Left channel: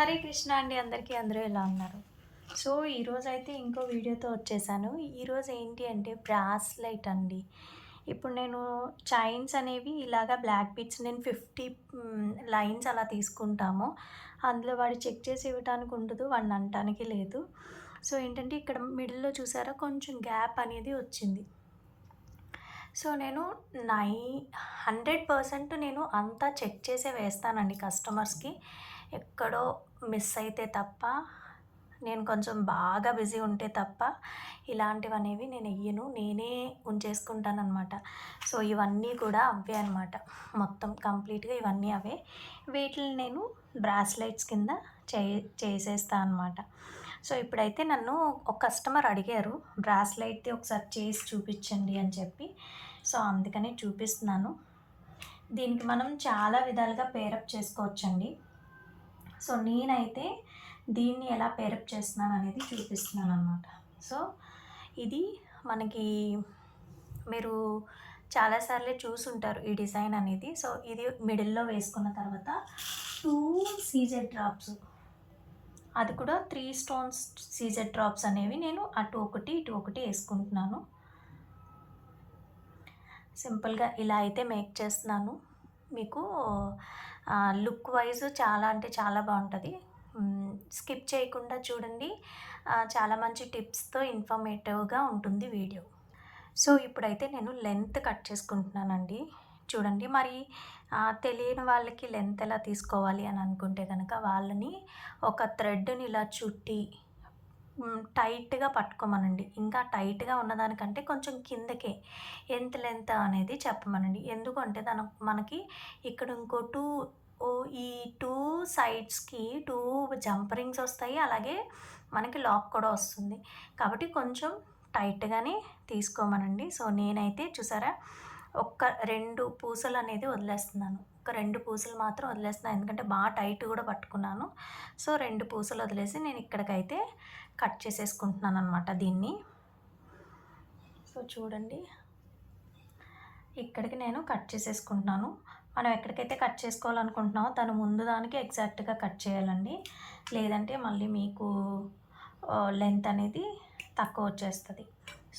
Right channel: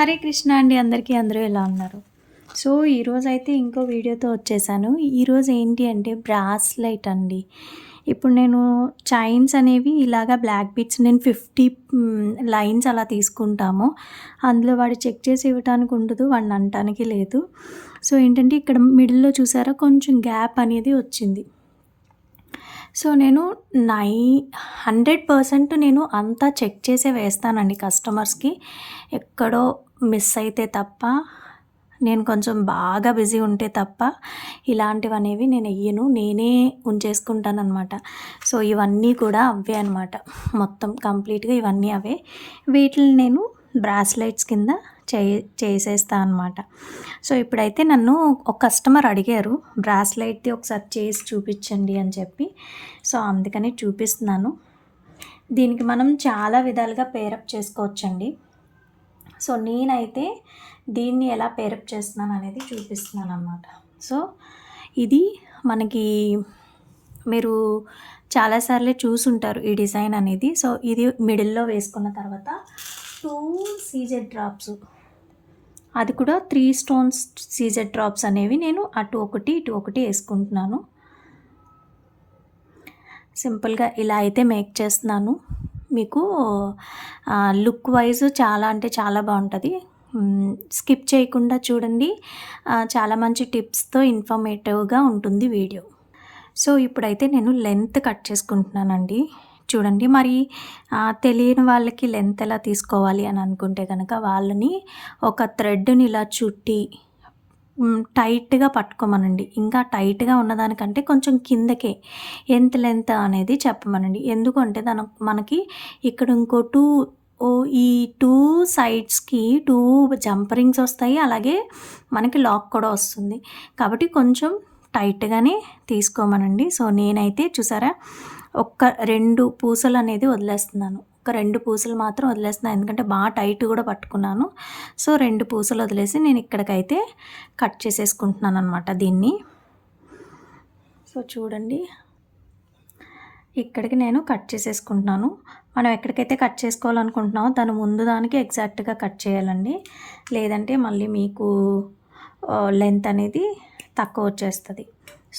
హరే కృష్ణ అండి అందరికీ. అందరూ ఎలా ఉన్నారు? సో, ఈరోజైతే ఇంకో వీడియోతో వచ్చేసాను. ఈరోజు ఏంటి అంటే బ్రాస్లైట్ అండి. ఇప్పుడు నేను చైన్స్ అనేవి ఇలాగా బ్లాక్ బీడ్స్ నేను 50 లైన్స్ అలా తీసుకుంటాము. అందులో వాడు చెక్ చేసి ఇవ్వటానికి ఉండదు. వాడిని అనటానికి లేదు. సో, ఏంటంటే ఇక్కడ మిడిల్‌లో చూసారా కొంచెం గ్యాప్ అనేది వచ్చింది. సో, నేను నై 100% నేను అంతా చెక్ చేసే వేస్తానండి కస్టమర్స్‌కి. ఎక్కడో మిస్ అయితే తప్ప, నేను కొంచెం బాగా బిజీ ఉంటే తప్ప ఇలాంటివనేవి నేనెయ్యను. నేనే ఉంచేసుకుంటాననమాట. సో, ఇవన్నీ కూడా అవే అనమాట. మొత్తం కంప్లీట్‌గా ఇవన్నీ అవే. వీటిల్ని నేను బ్రాస్లెట్స్ కింద చే చేసేస్తా అనమాట. సో, ఇప్పుడైతే నన్ను ఒక కస్టమర్ అడిగారు బ్రాస్లెట్‌ది ఒకసారి చేసి చూపిచ్చండి అని చెప్పి. సో, అందుకని చూపిస్తున్నాను. దీనికి మనం చాలా విధాలుగా పేరప్ చేసుకోవచ్చండి. సో, నేనైతే దీన్ని ఎలా పేరప్ చేస్తున్నాననేది చూపిస్తున్నాననమాట. సో, ఇది మనకి మీరు చాలా సార్లే చూసుంటారు ఈ డిజైన్ అనేది. సో, ఇది మిడిల్‌లో వేసుకున్న తర్వాత 2 సీజెడ్ డ్రాప్స్, అది కూడా 3 స్టోన్స్ సీజెడ్ డ్రాప్స్ అనేవి నేను అటు ఒకటి, ఇటు ఒకటి యేసుకుంటున్నాను. సింపుల్‌గా ఇలా అయితే మేక్ చేస్తున్నాను. మీకు లుక్ వైజ్ చాలా అంటే చాలా బావుంటది. స్కిప్ చేయకుండా చూడండి. చాలా మంచి టిప్స్‌తో ఇన్ఫర్మేటివ్‌గా ఉంటుంది వీడియో. సో, ఇప్పుడైతే నేను లెంత్ కట్ చేసుకుంటున్నానండి. చూడండి మరి తెలియని వాళ్ళకి లెంత్ ఎలా తీసుకోవాలి అని అనుకుంటే గనక వాళ్ళని ఒక థ్రెడ్‌ని ఇలా చుట్టి టైట్‌గా పట్టుకోమనండి. ఇంకా టైట్‌గా ఉన్నదానికంటే కొంచెం కిందకే ఎంత లెంత్ అనేది చెప్పమనండి. ఎందుకంటే మనకి ఇక్కడ ఇంకో 2 ఈ 2 సైడ్స్‌కి 2 జంప్ రింగ్స్ వస్తాయి. అలాగే మనకి లాక్ కూడా వస్తుంది. కాబట్టి కొంచెం టైట్‌గానే తీసుకోమనండి. సో, నేనైతే చూసారా ఒక్క 2 పూసలనేది వదిలేస్తున్నాను. ఒక 2 పూసలు మాత్రం వదిలేస్తున్నాను. ఎందుకంటే బాగా టైట్ కూడా పట్టుకున్నాను. సో, 2 పూసలు వదిలేసి నేను ఇక్కడికైతే కట్ చేసేసుకుంటున్నాననమాట దీన్ని. సో, చూడండి ఇక్కడికి నేను కట్ చేసేసుకుంటున్నాను. మనం ఎక్కడికైతే కట్ చేసుకోవాలనుకుంటున్నామో దాని ముందు దానికి ఎగ్జాక్ట్‌గా కట్ చేయాలండి. లేదంటే మళ్ళీ మీకు లెంత్ అనేది తక్కువ వచ్చేస్తది.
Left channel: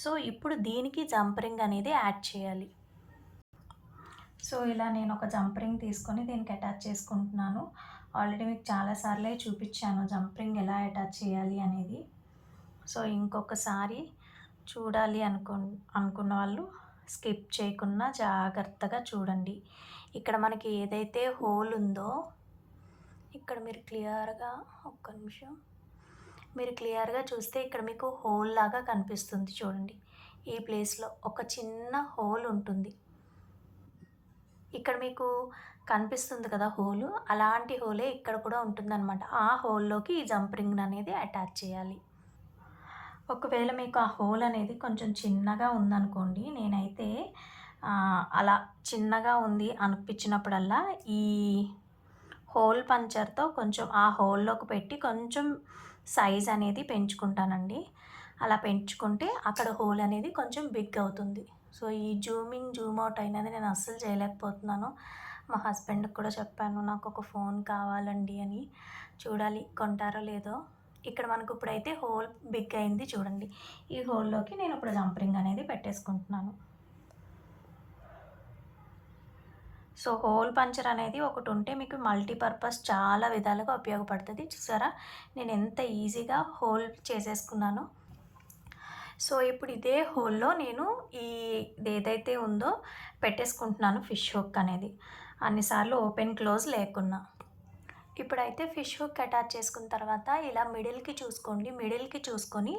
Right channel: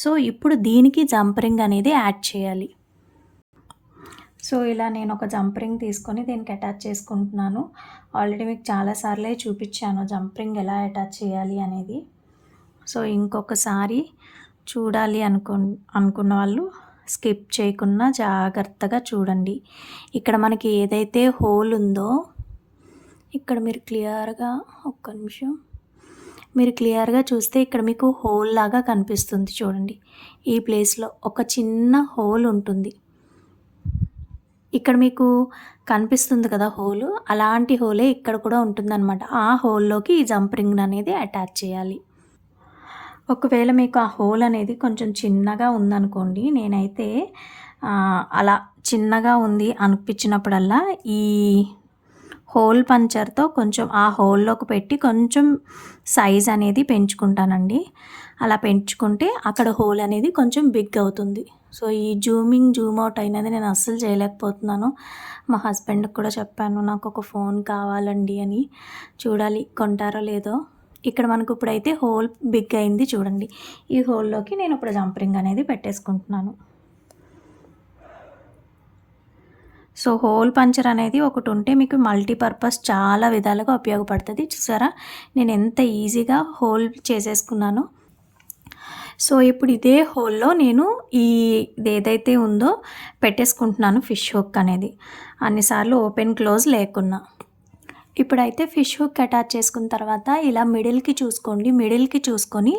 సో, ఇప్పుడు దీనికి జంప్ రింగ్ అనేది యాడ్ చేయాలి. సో, ఇలా నేను ఒక జంప్ రింగ్ తీసుకొని దీనికి అటాచ్ చేసుకుంటున్నాను. ఆల్రెడీ మీకు చాలా సార్లే చూపిచ్చాను జంప్ రింగ్ ఎలా అటాచ్ చేయాలి అనేది. సో, ఇంకొకసారి చూడాలి అనుకున్న వాళ్ళు స్కిప్ చేయకుండా జాగ్రత్తగా చూడండి. ఇక్కడ మనకి ఏదైతే హోల్ ఉందో ఇక్కడ మీరు క్లియర్‌గా ఒక్క నిమిషం. మీరు క్లియర్‌గా చూస్తే ఇక్కడ మీకు హోల్ లాగా కనిపిస్తుంది చూడండి. ఈ ప్లేస్‌లో ఒక చిన్న హోల్ ఉంటుంది. ఇక్కడ మీకు కనిపిస్తుంది కదా హోలు. అలాంటి హోలే ఇక్కడ కూడా ఉంటుందనమాట. ఆ హోల్‌లోకి ఈ జంప్ రింగ్ అనేది అటాచ్ చేయాలి. ఒకవేళ మీకు ఆ హోల్ అనేది కొంచెం చిన్నగా ఉందనుకోండి, నేనైతే అలా చిన్నగా ఉంది అనిపించినప్పుడల్లా ఈ హోల్ పంచర్‌తో కొంచెం ఆ హోల్‌లోకి పెట్టి కొంచెం సైజ్ అనేది పెంచుకుంటానండి. అలా పెంచుకుంటే అక్కడ హోల్ అనేది కొంచెం బిగ్ అవుతుంది. సో, ఈ జూమ్ అవుట్ అయినది నేను అస్సలు చేయలేకపోతున్నాను. మా హస్బెండ్‌కి కూడా చెప్పాను నాకొక ఫోన్ కావాలండి అని. చూడాలి కొంటారో లేదో. ఇక్కడ మనకు ఇప్పుడైతే హోల్ బిగ్ అయింది చూడండి. ఈ హోల్‌లోకి నేను ఇప్పుడు జంప్ రింగ్ అనేది పెట్టేసుకుంటున్నాను. సో, హోల్ పంచర్ అనేది ఒకటుంటే మీకు మల్టీపర్పస్ చాలా విధాలుగా ఉపయోగపడుతది. చూసారా? నేను ఎంత ఈజీగా హోల్ చేసేసుకున్నానో. సో, ఇప్పుడు ఇదే హోల్‌లో నేను ఇదేదైతే ఉందో పెట్టేసుకుంటున్నాను ఫిష్ హుక్ అనేది. అన్ని సార్లు ఓపెన్, క్లోజ్ లేకున్నా. ఇప్పుడైతే ఫిష్ హుక్ అటాచ్ చేసుకున్న తర్వాత ఇలా మిడిల్‌కి చూసుకోండి. మిడిల్‌కి చూసుకొని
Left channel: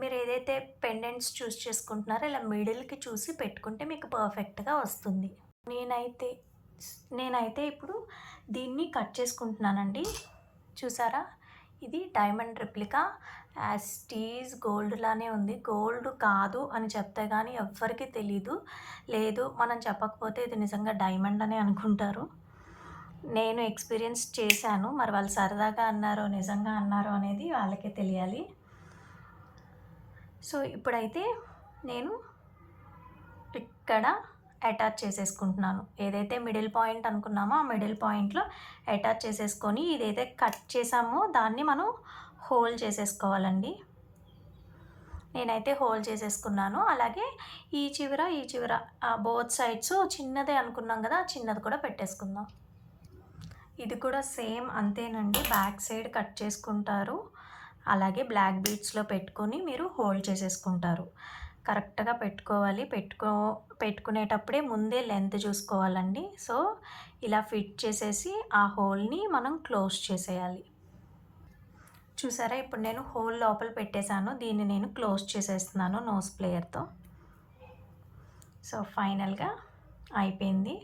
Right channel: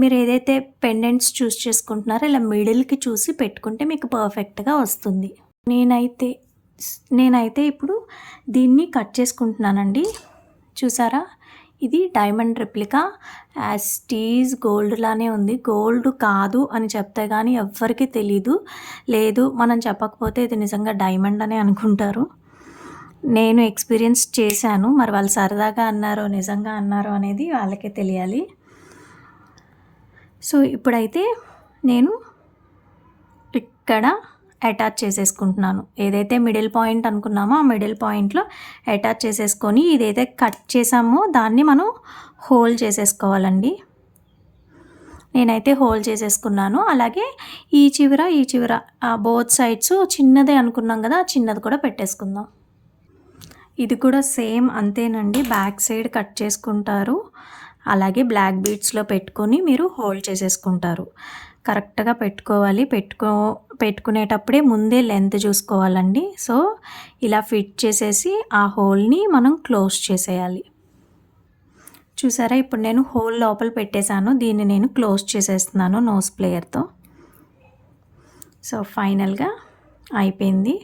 మీరు ఏదైతే పెండెంట్స్ చూస్ చేసుకుంటున్నారో ఇలా మిడిల్‌కి చూసి పెట్టుకుంటే మీకు పర్ఫెక్ట్‌గా వస్తుంది. నేనైతే నేనైతే ఇప్పుడు దీన్ని కట్ చేసుకుంటున్నానండి. చూసారా? ఇది diamond replica as it is gold లానే ఉంది. గోల్డ్ కాదు అని చెప్తే గానీ ఎవ్వరికీ తెలీదు. లేదు మనం చెప్పకపోతే ఇది నిజంగా డైమండ్ అనే అనుకుంటారు. నేను ఎక్స్‌పీరియన్స్ చేశాను. మరి వాళ్ళు సరదాగా అన్నారో, నిజంగా అన్నారో అనేది వాళ్ళకే తెలియాలి. సో, ఇప్పుడైతే నేను ఇక్కడ అటాచ్ చేసేసుకుంటున్నాను. ఏదైతే మిడిల్ పాయింట్ అనుకున్నామో ఆ మిడిల్ పాయింట్‌లో అటాచ్ చేసేసుకొని ఇదైతే కట్ చేసామో దాన్ని మనం హోల్డ్ చేసేసుకోవాలండి. నేనైతే హోల్డ్ చేసేసుకున్నాను. అలాగే ఈ చివర బోత్ సైడ్స్ చిన్నదే అనుకున్నాం కదా! చిన్నది కూడా పెట్టేసుకుందాం. ఇది కూడా సేమ్ అంతేనండి. బ్యాక్ సైడ్ కట్ చేసుకుంటారు. అలాగే బ్లాక్ బీడ్స్‌లో పెట్టుకొని మీరు హోల్డ్ చేసేసుకుంటారు. కరెక్ట్‌గా పెట్టుకోవాలి. పెట్టుకునేటప్పుడే ముందే లెంత్ చూసుకోవాలండి. సో, ఇలా ఫిట్ చేసేసి ఆ హోల్‌ని మనం క్లోజ్ చేసేయాలి. చూసారా? ఇప్పుడు నేను హోల్ లోపల పెట్టేసాను. దీన్ని నేను క్లోజ్ చేసేస్తున్నాను నోస్ ప్లేయర్‌తో. సో, ఫైనల్‌గా అయిపోయింది.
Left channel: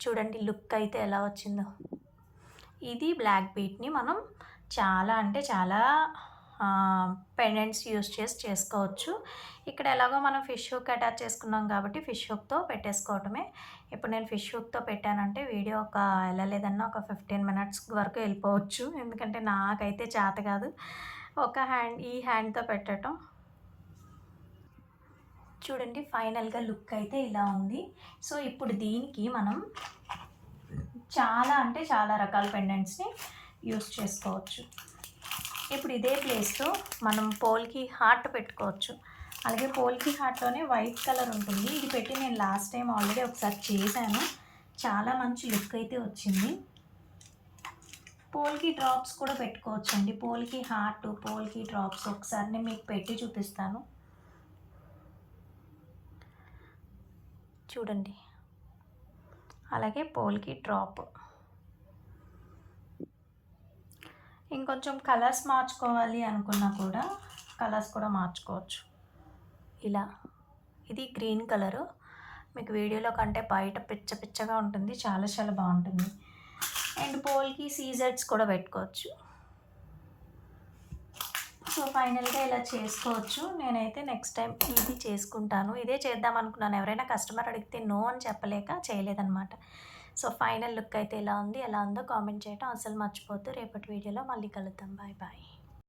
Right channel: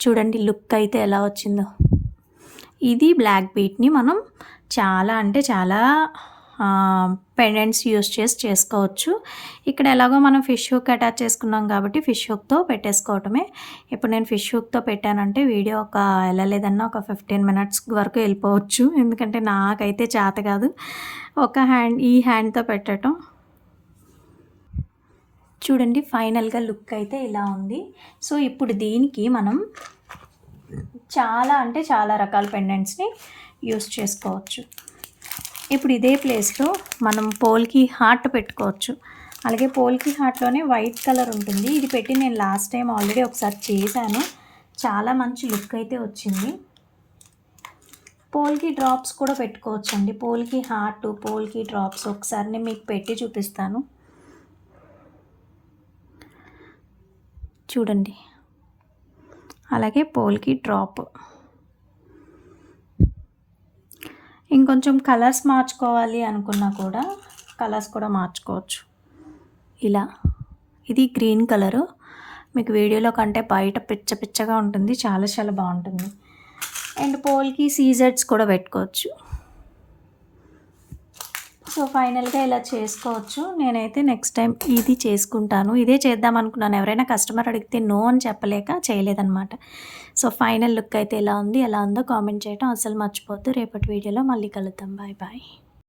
చూడండి లుక్ అయితే ఎలా వచ్చిందో. ఇది బ్లాక్ బీట్‌ని మనం చాలా అంటే చాలా పెండెంట్స్ యూజ్ చేసి చేసుకోవచ్చు. ఇక్కడ ఎలాగో మనం ఫిష్ హుక్ అటాచ్ చేసుకున్నాం కాబట్టి ఫిష్ హుక్‌తో పెట్టేసుకోవటమే. ఇప్పుడు నేను ఫిష్ హుక్‌తో పెట్టానంటే వీడియో ఎలా లేదన్నా ఒక 15 మినిట్స్ వరకు వెళ్ళిపోవచ్చు. ఎందుకంటే నాకైతే చేత కాదు. ఈ హ్యాండ్‌తో పెట్టటం. చూడండి ఫైనల్‌గా లుక్ అయితే ఇలా ఉంది. సో, ఇప్పుడు దీనికి మనం చాలా అంటే చాలా రకాల పెండెంట్స్‌ని యూజ్ చేసుకోవచ్చు. ఇప్పుడు ఇదే ప్లేస్‌లో మనం పోల్‌కి హార్ట్ పెట్టుకోవచ్చు. అలాగే పోల్‌కి హార్ట్‌లోనే వైట్ కలర్ ఉంటుంది. ఇది పెట్టి నేను లాస్ట్ టైం ఆల్రెడీ ఒకసారి చేశాను. చాలా మంచి లుక్ అయితే వచ్చింది. పోల్‌కి డ్రాప్స్ కూడా పెట్టుకోవచ్చండి. పోల్‌కి హార్ట్, పోల్‌కి డ్రాప్స్ ఒకసారి నేను మీకు పెట్టి చూపిస్తాను. చూడండి. అలాగే పోల్‌కి డ్రాప్. ఇంకొంచెం కలర్స్ మార్చుకోవాలి అనుకున్నా కూడా కలర్స్ కూడా మార్చుకోవచ్చు. ఇలా ఇది గ్రీన్ కలరు. మీకు వీడియోలో కంటే బయట పిచ్చగా ఉంటుంది. చాలా చాలా బాగుంటుంది. అండ్ పోల్‌కి సీజెడ్స్ కూడా పెట్టుకోవచ్చు. సో, ఫైనల్‌గా ఇలా చేసుకోవచ్చు. నేనైతే నెక్స్ట్ టైం ఇది చేసుకుంటాను. ఇదే చేద్దాం అనుకున్నాను. ఎవరైనా కస్టమర్ అడిగితే నో అని చెప్పలేక చేయలేదనమాట. సో, ఫైనల్ లుక్ అయితే ఎలా ఉంది? ఎలా ఉందో కామెంట్ చేయడం అస్సలు మర్చిపోవద్దు. రేపటి వీడియోలో మళ్ళీ కలుద్దాం. Bye bye.